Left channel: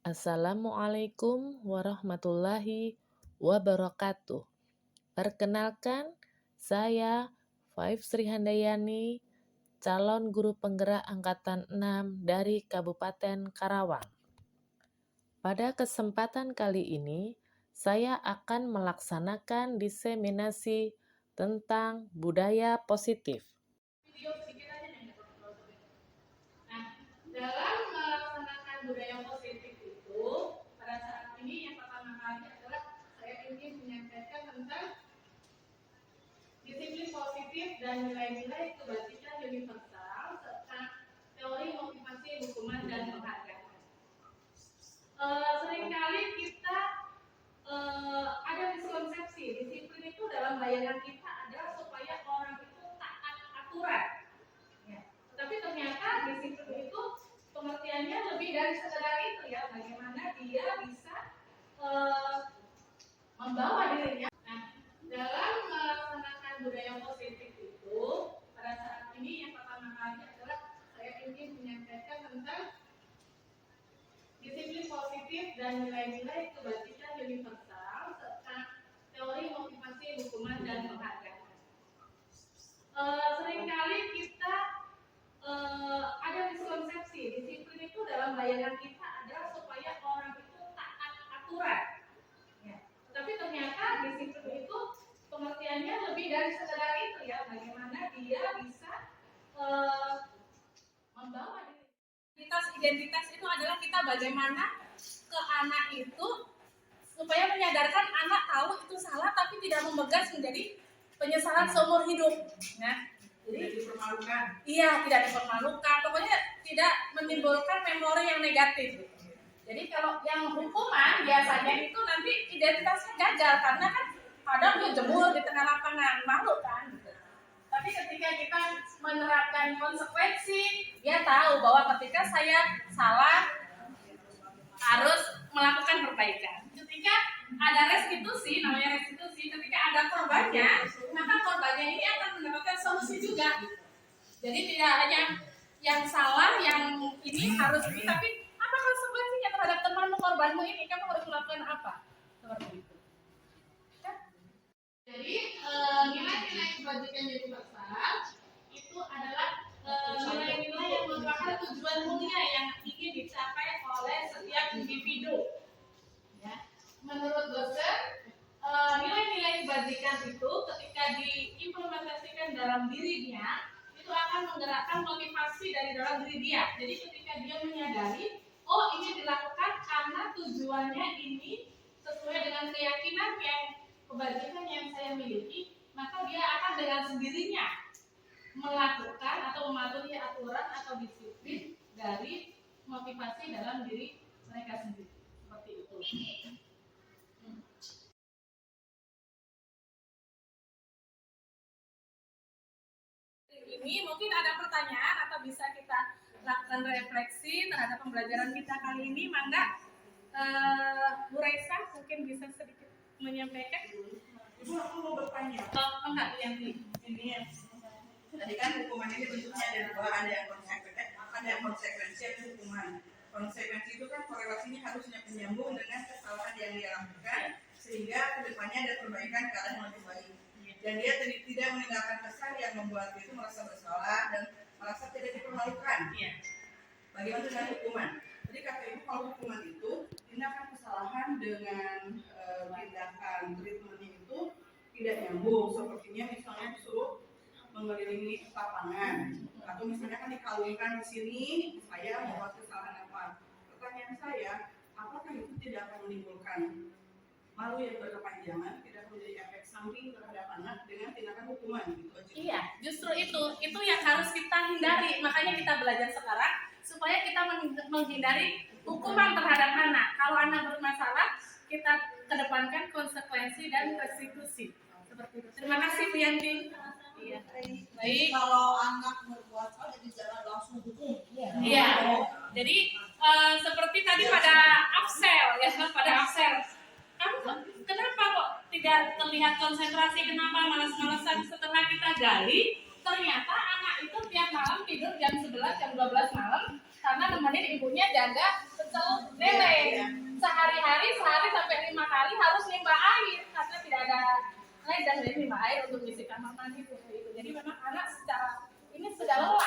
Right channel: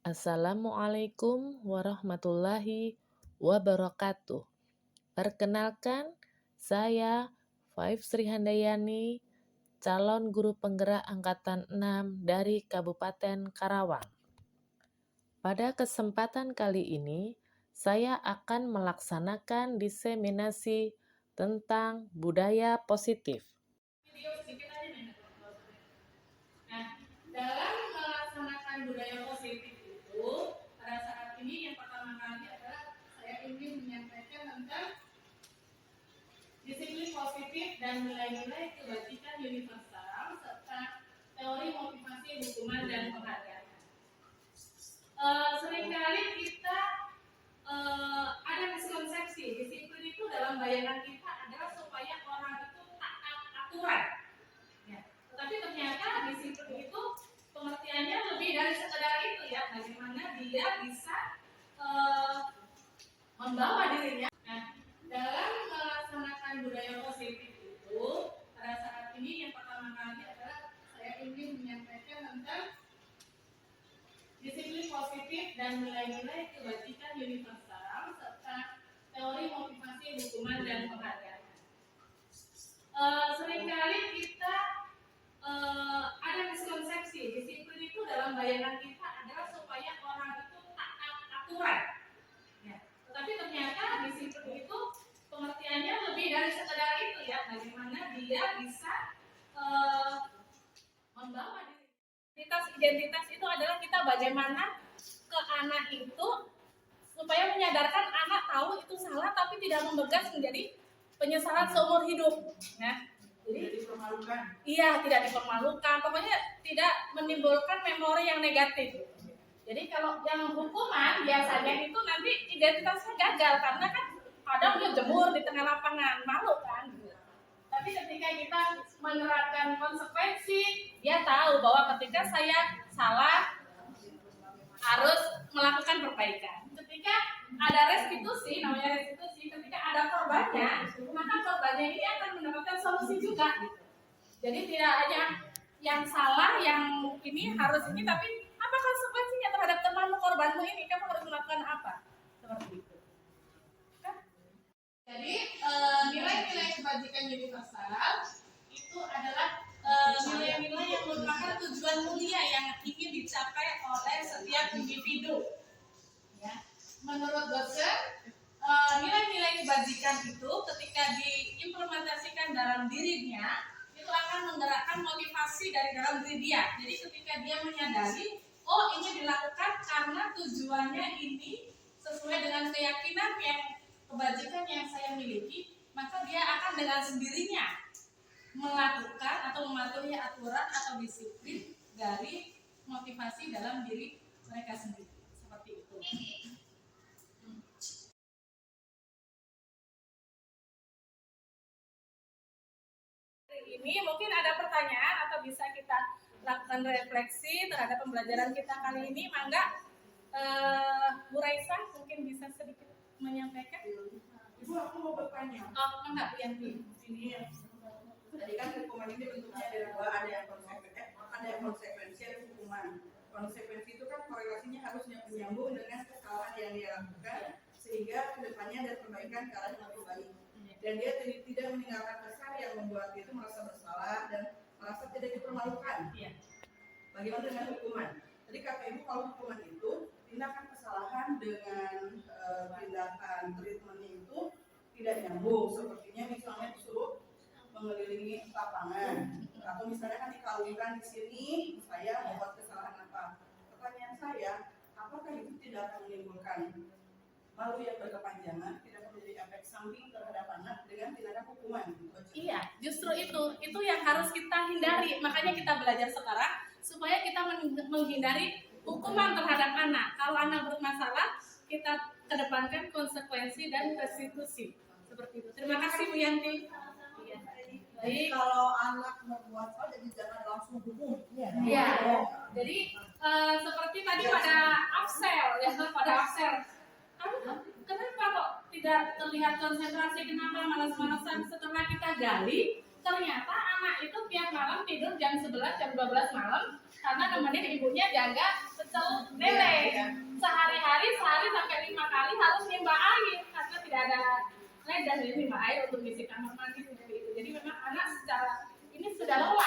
Assalamualaikum warahmatullahi wabarakatuh. Perkenalkan, saya Faif Sri Handayani, calon guru penggerak angkatan 6 dari Kabupaten Karawang. Pada kesempatan kali ini, saya akan melaksanakan diseminasi tentang budaya positif. Video sedikit aja nih. Nah, dalam melaksanakan budaya positif itu, pada saat ini yang pertama kali adalah saya ingin menyampaikan tentang disiplin positif dan nilai-nilai kebajikan universal serta teori motivasi, hukuman, dan penghargaan. Seringkali kita ada miskonsepsi disiplin itu dalam bayangan kita adalah supaya orang itu taat aturan. Ya. Tetapi ternyata disiplin itu pengertiannya lebih dari sekedar itu ya, bagaimana dia bisa membawa dirinya. Nah, dalam melaksanakan budaya positif itu, pada saat ini yang pertama kali adalah saya ingin menyampaikan tentang disiplin positif dan nilai-nilai kebajikan universal serta teori motivasi, hukuman, dan penghargaan. Seringkali kita ada miskonsepsi disiplin itu dalam bayangan kita adalah supaya orang itu taat aturan. Ya. Tetapi ternyata disiplin itu pengertiannya lebih dari sekedar itu ya, bagaimana dia bisa membawa identitas itu adalah kita bagaimana ke anak itu supaya menyadarkan anak tahu itu salah tapi tidak membekas menjadi penyesalan seumur hidup ya. Jadi tidak dipermalukan. Iya, tidak dipermalukan. Pokoknya tidak menimbulkan memori yang negatif. Jadi kalau yang hukuman biasanya itu nanti identitasnya gagal karena kan kadang dia jemur di tengah lapangan, malu kan. Tapi ketika kita menerapkan konsekuensi, dia tahu bahwa ketika saya salah harus melakukan perbaikan. Ketika ada restitusi, namanya restitusi, ketika ada korbannya, maka korbannya ini akan mendapatkan solusi juga. Jadi tidak hanya yang salah, yang ini harus ini, tapi apa konsekuensinya terhadap temanmu, korbanmu ini? Kamu harus melakukan apa? Seperti itu. Jadi nilai-nilai kebajikan universal itu adalah nilai-nilai yang merupakan tujuan mulia yang ingin dicapai oleh setiap individu. Ya. Menurut dosen, nilai-nilai kebajikan itu ketika diimplementasikan dalam dirinya itu akan menggerakkan motivasi dari dalam diri dia. Jadi ketika dia menyadari, oh ini dilakukan karena tujuannya ini sesuai dengan keyakinan yang kebajikan yang saya miliki, maka dia akan dengan sendirinya melakukan atau mematuhi aturan atau disiplin dari motivasi dalam diri mereka sendiri. Seperti itu. Ini mungkin ada pertanyaan atau bisa kita lakukan refleksi terhadap pembelajaran kita kali ini. Mangga Bu Raisa mungkin bisa sedikit menyampaikan. Ibu, aku mau bertanya. Oh, enggak, Yanti. Ini ya. Tadi kan hukuman ini bentuknya ada dua, ada yang konsekuensi, ada hukuman. Konsekuensi itu kan korelasinya harus menyambung dengan kesalahan yang dia lakukan, sehingga kedepannya ada perbaikan ke arah yang lebih baik. Dan dia tidak meninggalkan kesan yang membuat dia itu merasa bersalah dan merasa tidak dipermalukan. Bagaimana dengan hukuman? Jadi kata ibu, kalau hukuman itu tindakan kesalahan dengan tindakan treatmentnya itu tidak nyambung. Sepertinya misalnya disuruh mengelilingi lapangan, atau misalnya kan dikalungkan di sini, saya membuat kesalahan apa? Pertanyaan saya, apakah itu tidak akan menimbulkan malu yang berkepanjangan, tidak menjadi efek samping terhadap anak dengan tindakan hukuman gitu aja? Iya, justru itu yang harus kita hindari. Makanya kita belajar sekarang supaya kita menghindari hukuman terhadap anak. Kalau anak bermasalah, kita kedepankan konsekuensi dan restitusi. Seperti itu. Terima kasih Bu Yanti. Iya. Baik. Kalau anak berbuat salah, jadi jangan langsung hukum. Iya. Jadi seperti tadi pada absel, ya, pada absel. Kamu kenapa kok tidak terlihat konsentrasi? Kenapa malas-malasan? Setelah kita gali, ternyata anak itu tiap malam tidur jam 11, jam 12 malam karena nemenin ibunya jaga pecel lele. Sehari-hari sampai 5 kali harus nimba air karena tidak ada dan nimba air untuk ngisi kamar mandi seperti itu. Jadi memang anak secara ini sudah lelah